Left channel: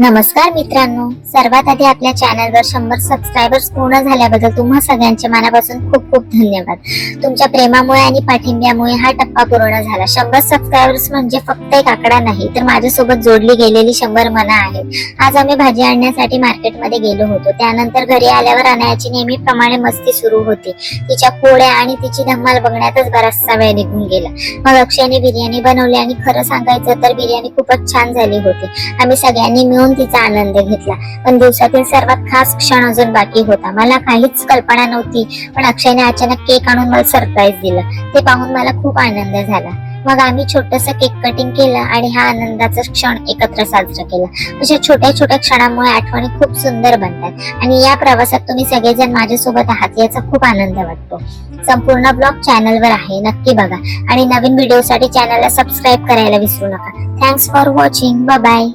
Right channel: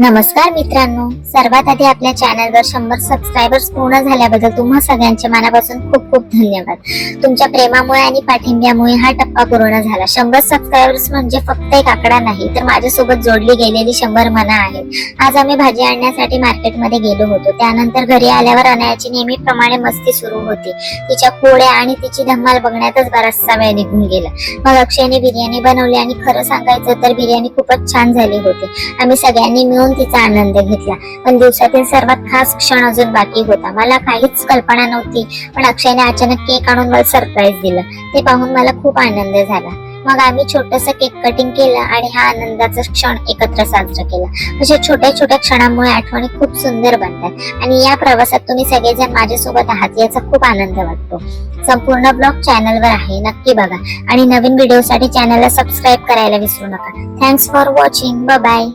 नमस्कार मित्रांनो, सर्वात आधी आपल्या चॅनलवर 100 सबस्क्रायबर्स पूर्ण झाल्याबद्दल तुम्हा सगळ्यांचे मनापासून खूप खूप धन्यवाद। तुमच्या प्रेमामुळे आणि पाठिंब्यामुळे हा टप्पा पूर्ण झाला। 100 सबस्क्रायबर्स म्हणजे फक्त एक आकडा नाही, तर माझ्यासोबत जोडली गेलेली 100 मनं आहेत। आज आम्ही भाजी आणण्यासाठी मार्केटमध्ये गेलो होतो। त्यानंतर घरी आल्यावर अनायाची नेहमीप्रमाणे मस्ती सुरू होती। तिच्या पोळ्या आणि तिची धमाल बघण्यातच बराचसा वेळ निघून गेला। मग अक्षयने बिर्याणी बनवली आणि खरं सांगायचं तर बिर्याणी खूपच छान झाली होती। आम्ही सगळ्यांनी मिळून तिचा आनंद घेतला। पण दिवसातील सर्वात खास क्षण अजून बाकी होता। मला काहीच कल्पना नव्हती, पण अक्षयने अचानक केक आणून मला सरप्राईज दिलं। ते पाहून मला खूप आनंद झाला। मग आम्ही छोटंसं केक कटिंग केलं आणि हा आनंदाचा क्षण एकत्र साजरा केला। अशा छोट्या छोट्या क्षणांमुळे आठवणी खूप सुंदर बनतात आणि या प्रवासात तुम्ही सगळेजण माझ्यासोबत आहात याचा खूप आनंद वाटतो। संपूर्ण ब्लॉग चॅनलवर आहे, नक्की बघा आणि नवीन व्हिडिओसाठी चॅनलला सबस्क्राईब करायला विसरू नका। Thanks for watching, bye bye.